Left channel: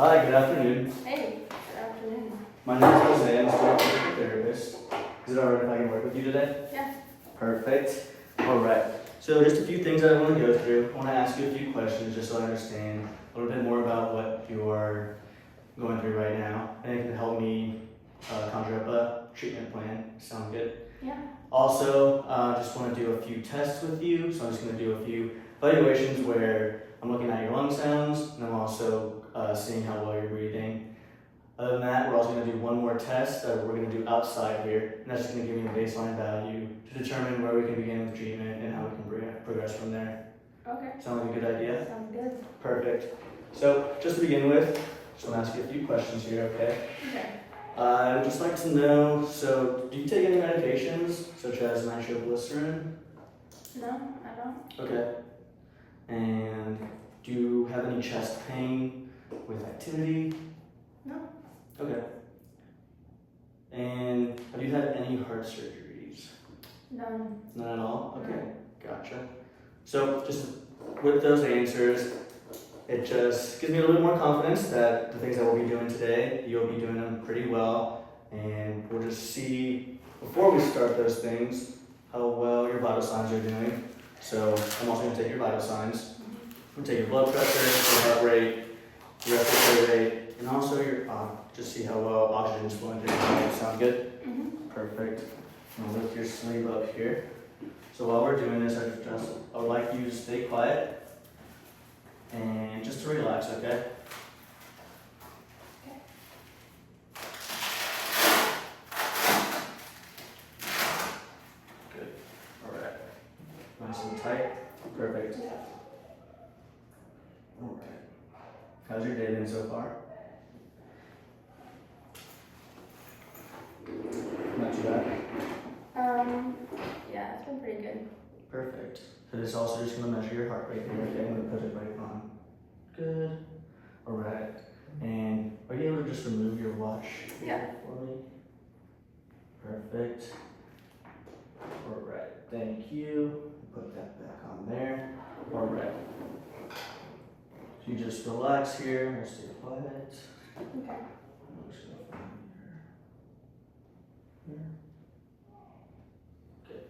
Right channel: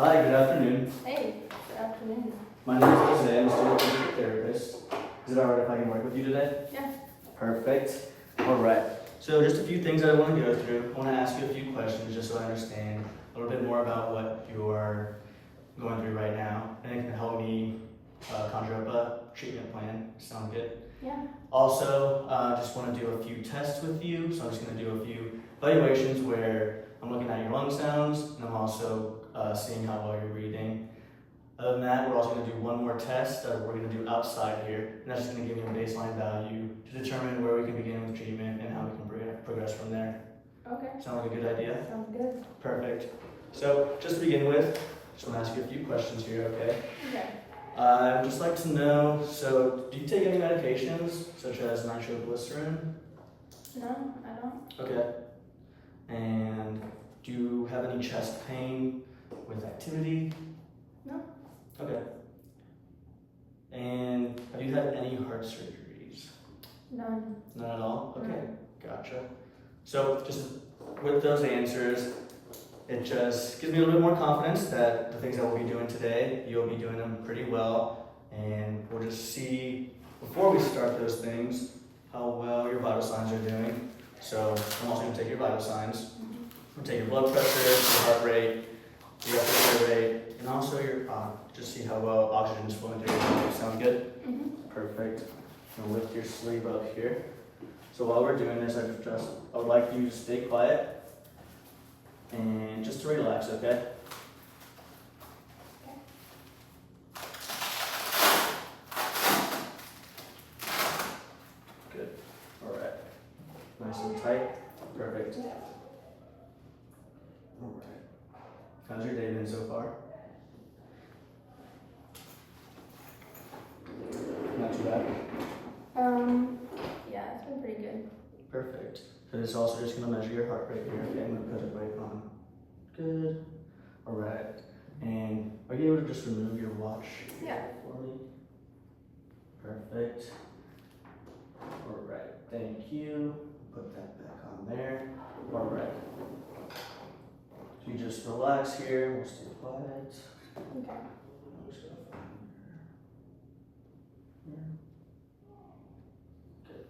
Hi, good afternoon. Hey, good afternoon. My name is Jose. I'm a student therapist. Is it alright if I can work with you today? Yeah. Perfect. Alright. So just a few things I want to go through. I want to ask you a few questions just so I understand a little bit more about what you're going through right now. And it can help me conjure up a treatment plan. Sound good? Yeah. Also, just want to do a few tests with you. So I'm just going to do a few evaluations where I'm looking at your lung sounds and I'm also seeing how well you're breathing. Other than that, we're also going to do one more test that we're going to do outside here. And that's just going to give you a baseline value to determine where we can begin with treatment and how we can progress from there. Okay. Sound like a good idea? Sounds good. Perfect. So just to begin with, just want to ask you a few questions here, okay? Okay. I would just like to know, so do you take any medications such as nitroglycerin? No, I don't. Okay. And do you have any chest pain with activity? No. Okay. And have you had any heart surgeries? None. None at all? Okay, No. gotcha. So just with those answers, it just gives me a little bit more confidence that the things that we'll be doing today, you'll be doing them pretty well. And we'll just see, before we start those things, how well your vital signs are doing. So I'm also going to take your vital signs. We'll take your blood pressure, your heart rate, your respiratory rate, and also your just see how well oxygen is flowing through your body. Sound good? Mm-hmm. Perfect. I'm gonna lift your sleeve up here. So while we're doing this, I would like you to stay quiet and just to relax, okay? Okay. Good. All right. Nice and tight. Perfect. All right. How's your day been so far? Not too bad. Yeah, it's been pretty good. Perfect. So this is also just going to measure your heart rate here. Okay, I'm going to put it right on. Good. All right. And are you able to just remove your watch Yeah. for me? Perfect. All right. Thank you. Put that back on there. All right. So you just relax here. We'll stay quiet. Okay. I'm just going to find here. Good. Good.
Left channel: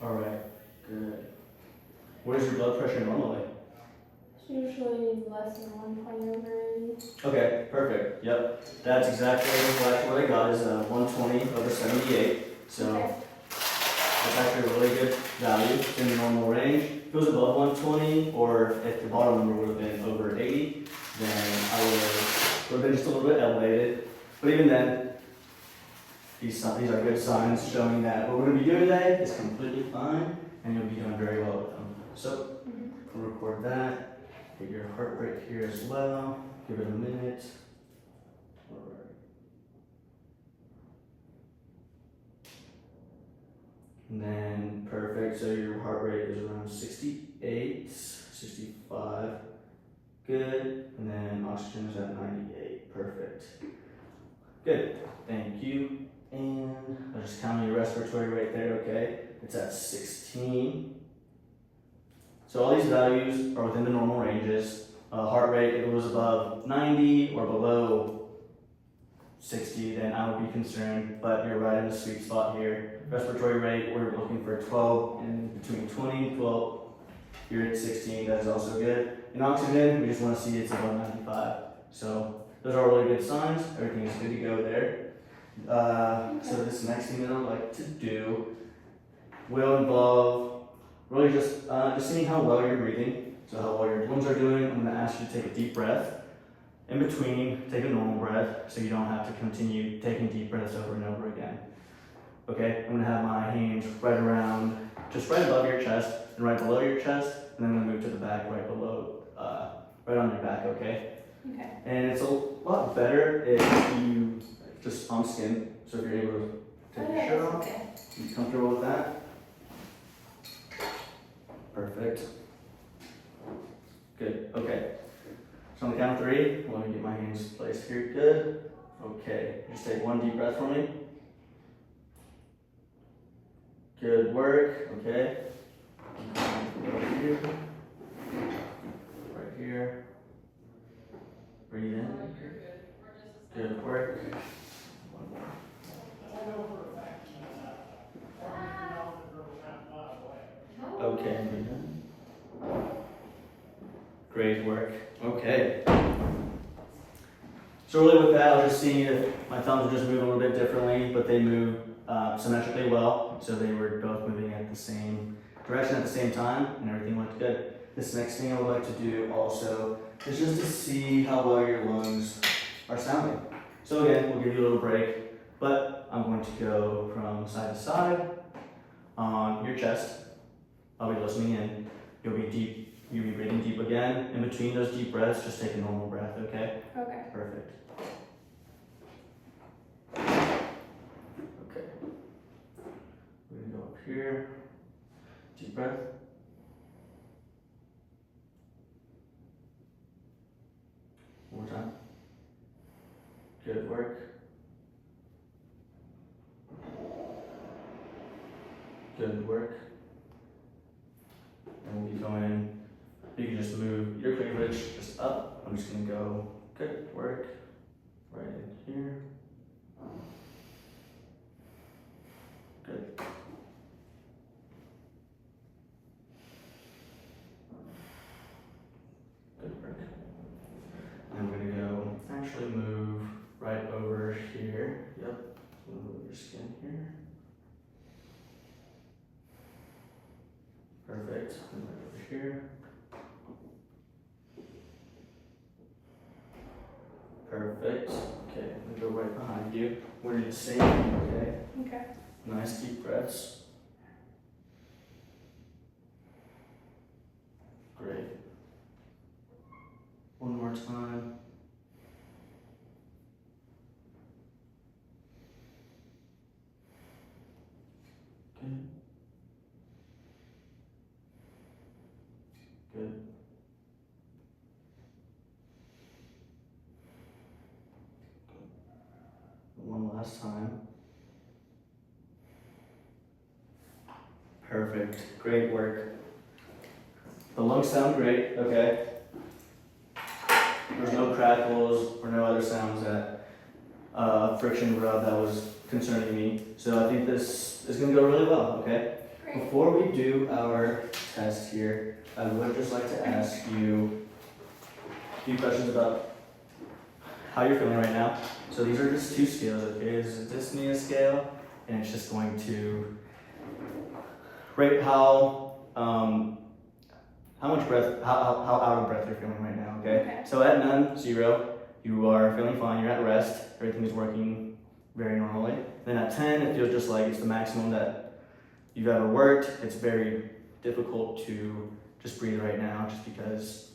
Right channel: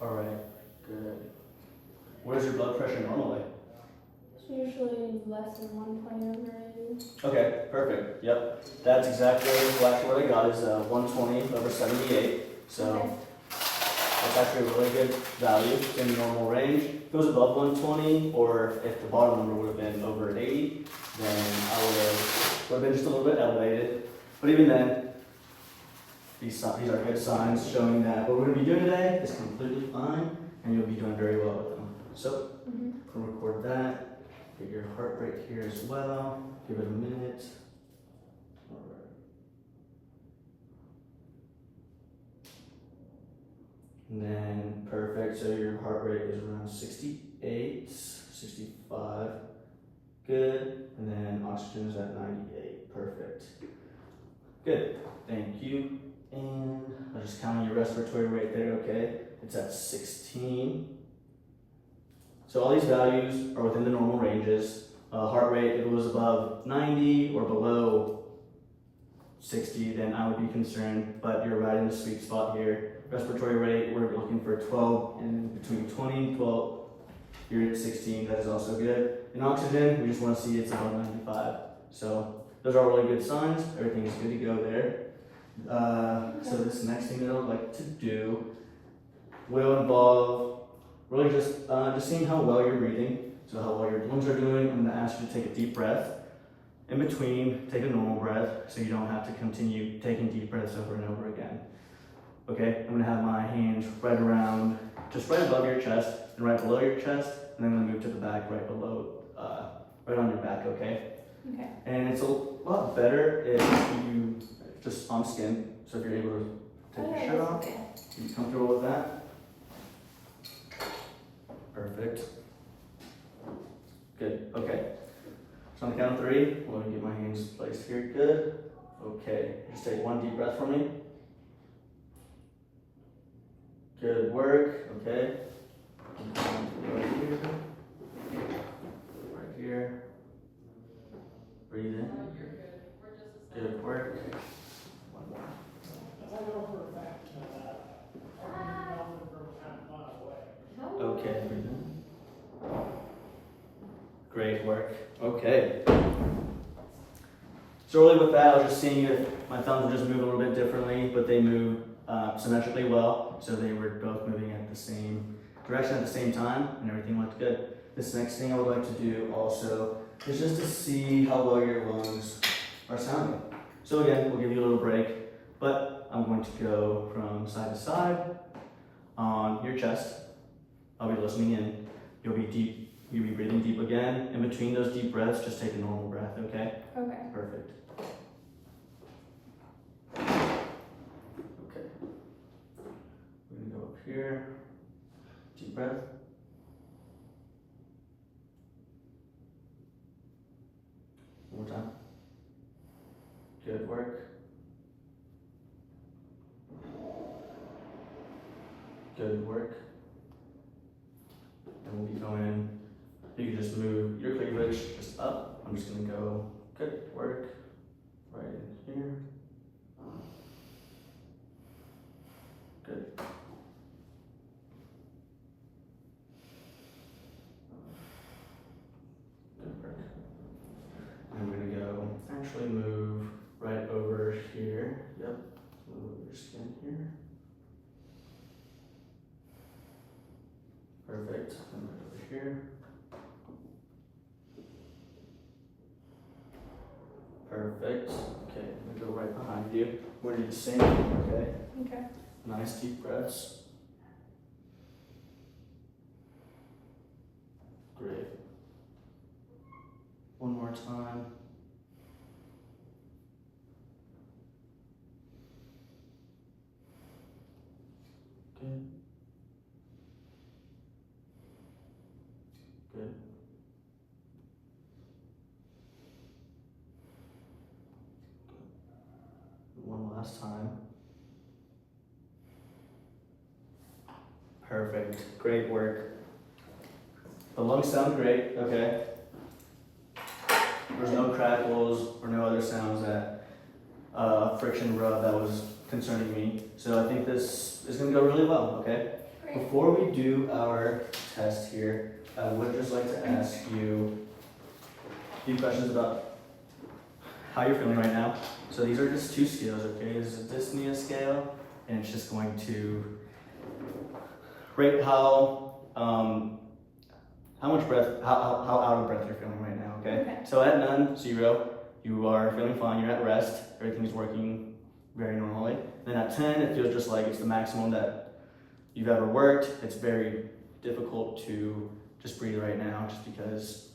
All right, good. What is your blood pressure normally? It's usually less than 1.0 Okay, perfect. Yep, that's exactly what I got is 120 over 78. So Okay. that's actually a really good value. It's in the normal range. If it goes above 120, or if the bottom number would have been over 80, then I would have been just a little bit elevated. But even then, these are good signs showing that what we're going to be doing today is completely fine, and you'll be doing very well with them. So Mm-hmm. we'll record that. Get your heart rate here as well. Give it a minute. All right. And then perfect. So your heart rate is around 68, 65. Good. And then oxygen is at 98. Perfect. Good. Thank you. And I'll just count on your respiratory rate there, okay? It's at 16. So all these values are within the normal ranges. Heart rate, if it was above 90 or below 60, then I would be concerned, but you're right in the sweet spot here. Respiratory rate, we're looking for 12 in between 20, 12. You're at 16, that is also good. In oxygen, we just want to see it's above 95. So those are really good signs. Everything is good to go there. So this next thing that I would like to do will involve really just seeing how well you're breathing. So how well your lungs are doing. I'm going to ask you to take a deep breath. In between, take a normal breath so you don't have to continue taking deep breaths over and over again. Okay, I'm going to have my hands right around, just right above your chest and right below your chest. And then I'm going to move to the back right below, right on your back, okay? Okay. And it's a lot better if you just on skin. So if you're able to Take Oh, your yeah, shirt that's off. okay. You comfortable with that? Perfect. Good. Okay. So on the count of 3, let me get my hands placed here. Good. Okay. Just take one deep breath for me. Good work. Okay. Right here. Right here. Breathe in. Good work. One more. Okay, breathe in. Great work. Okay. So really with that, I was just seeing if my thumbs were just moving a little bit differently, but they move symmetrically well. So they were both moving at the same direction at the same time, and everything looked good. This next thing I would like to do also is just to see how well your lungs are sounding. So again, we'll give you a little break, but I'm going to go from side to side on your chest. I'll be listening in. You'll be breathing deep again. In between those deep breaths, just take a normal breath, okay? Okay. Perfect. Okay. We're gonna go up here. Deep breath. One more time. Good work. Good work. And we'll be going, you can just move your cleavage just up. I'm just gonna go, good work. Right in here. Good. Good work. And we're gonna go, actually move right over here. Yep, move your skin here. Perfect, and right over here. Perfect, okay, I'm gonna go right behind you. We're gonna do the same thing, okay? Okay. Nice deep breaths. Great. One more time. Good. Good. One last time. Perfect. Great work. The lungs sound great, okay? There's no crackles or no other sounds that friction rub that was concerning me. So I think this is gonna go really well, okay? Great. Before we do our test here, I would just like to ask you a few questions about how you're feeling right now. So these are just 2 scales, okay? This is a dyspnea scale, and it's just going to rate how much breath, how out of breath you're feeling right now, okay? Okay. So at none, 0, you are feeling fine, you're at rest, everything is working very normally. Then at 10, it feels just like it's the maximum that you've ever worked. It's very difficult to just breathe right now just because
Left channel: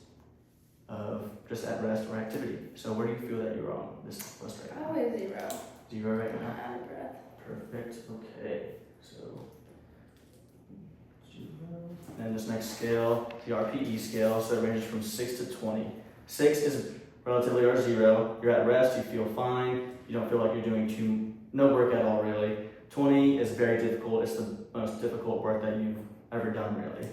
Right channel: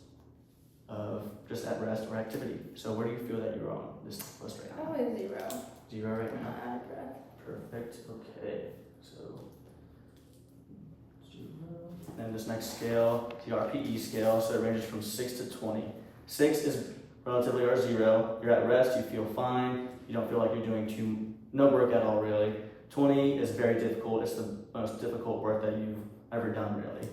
of just at rest or activity. So where do you feel that you're on this list right now? Probably 0. 0 right now? Out of breath. Perfect, okay, so 0. And this next scale, the RPE scale, so it ranges from 6 to 20. 6 is relatively or 0. You're at rest, you feel fine, you don't feel like you're doing no work at all really. 20 is very difficult, it's the most difficult work that you've ever done really.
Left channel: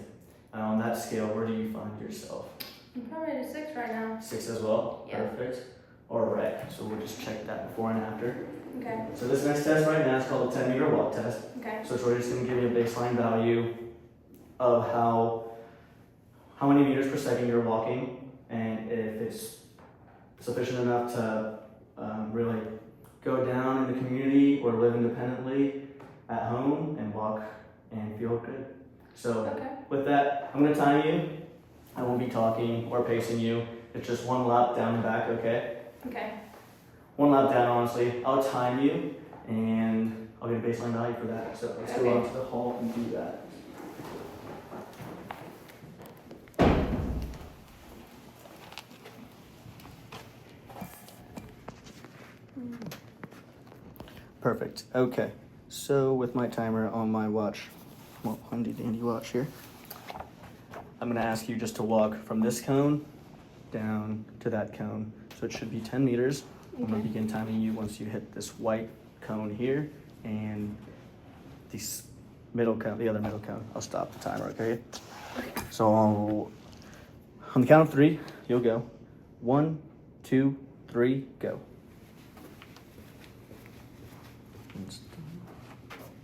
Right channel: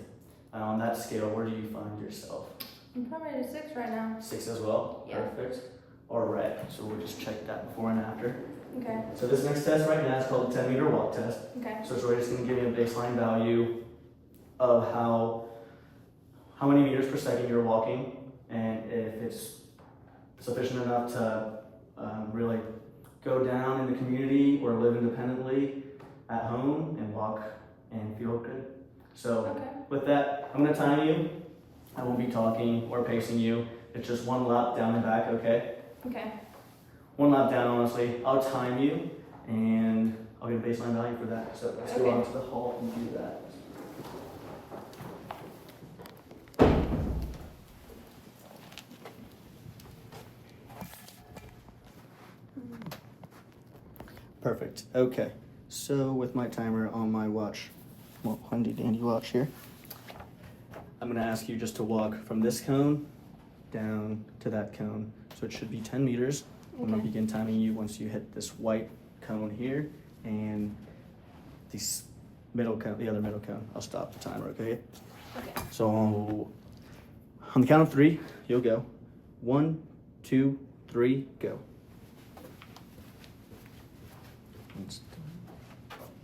On that scale, where do you find yourself? I'm probably at a 6 right now. 6 as well? Yeah. Perfect. Alright, so we'll just check that before and after. Okay. So this next test right now is called the 10-meter walk test. Okay. So it's really just going to give you a baseline value of how many meters per second you're walking, and if it's sufficient enough to really go down in the community or live independently at home and walk and feel good. So Okay. with that, I'm going to time you. I won't be talking or pacing you. It's just 1 lap down and back, okay? Okay. 1 lap down, honestly. I'll time you, and I'll get a baseline value for that. So let's go Okay. out to the hall and do that. Perfect. Okay. So with my timer on my watch, well, handy dandy watch here, I'm gonna ask you just to walk from this cone down to that cone. So it should be 10 meters. I'm gonna begin timing you once you hit this white cone here and the middle cone, the other middle cone. I'll stop the timer, okay? So on the count of 3, you'll go. 1, 2, 3, go.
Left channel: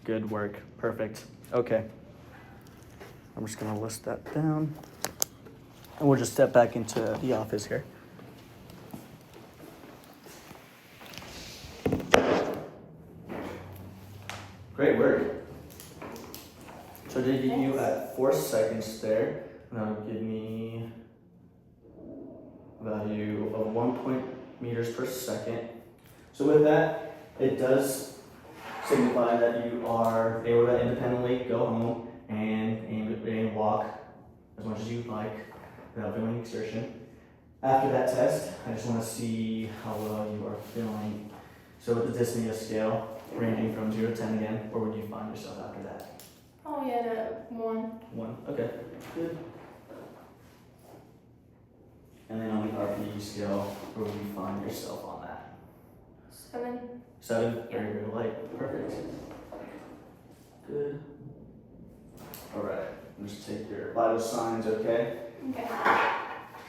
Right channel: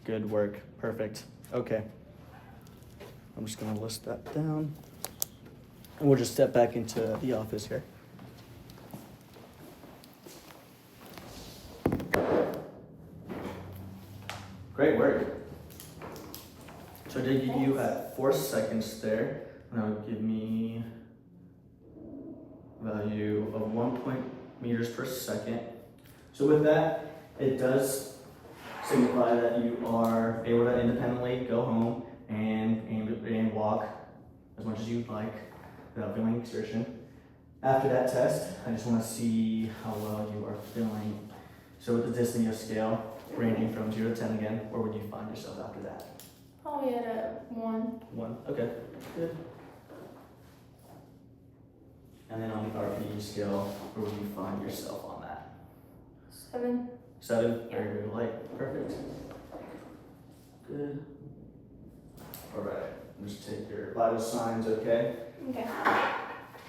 Good work, perfect. Okay, I'm just gonna list that down. And we'll just step back into the office here. Great work. So I did get you at 4 seconds there. That would give me a value of 1 meters per second. So with that, it does signify that you are able to independently go home and walk as much as you'd like without feeling exertion. After that test, I just want to see how well you are feeling. So with the dyspnea scale, ranging from 0 to 10 again, where would you find yourself after that? Probably at a 1. 1, okay, good. And then on the RPE scale, where would you find yourself on that? 7. 7, very, very light, perfect. Good. All right, just take your vital signs, okay? Okay.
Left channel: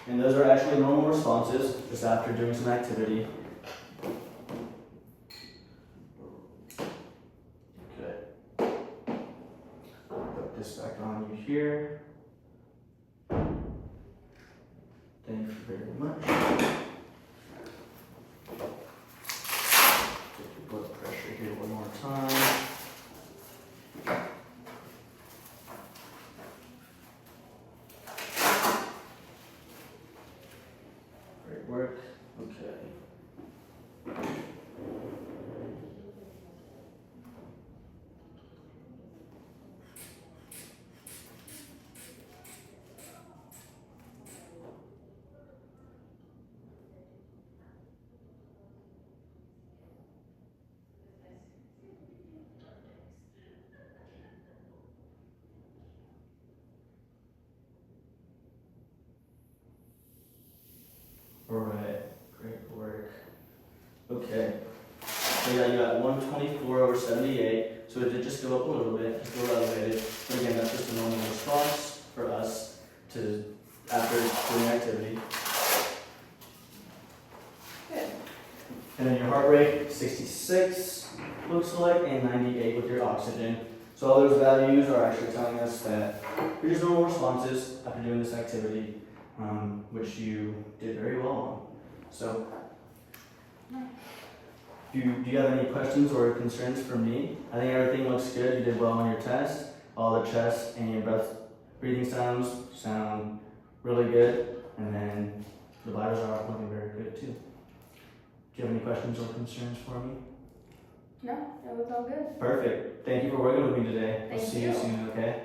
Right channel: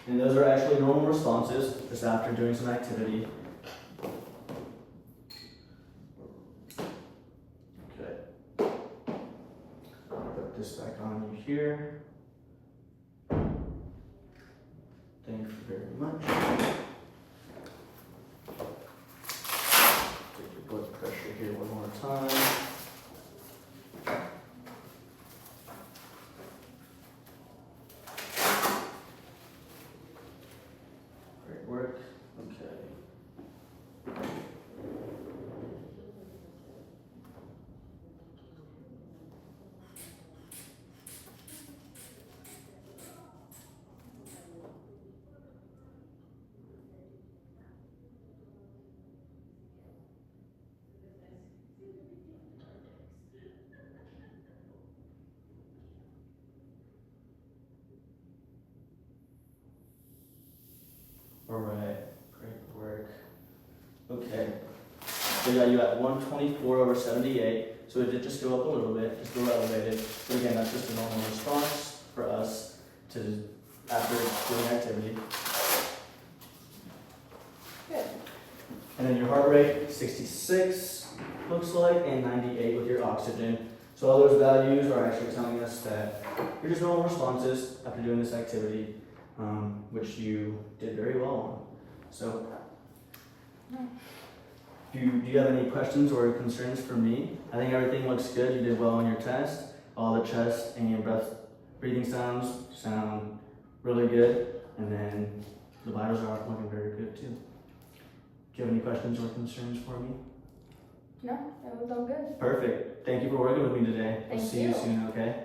And those are actually normal responses, just after doing some activity. Okay. I'll put this back on you here. Thank you very much. Take your blood pressure here one more time. Great work. Okay. All right, great work. Okay, so we got you at 124/78, so it did just go up a little bit, it's still elevated, but again, that's just a normal response for us to, after doing activity. Good. And then your heart rate, 66, looks like, and 98 with your oxygen. So all those values are actually telling us that you're just normal responses after doing this activity, which you did very well on. So, do you have any questions or concerns for me? I think everything looks good. You did well on your test. All the chest and breathing sounds sound really good. And then the vitals are looking very good too. Do you have any questions or concerns for me? No, it was all good. Perfect. Thank you for working with me today. We'll Thank see you you. soon, okay?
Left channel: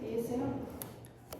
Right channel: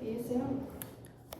See you soon.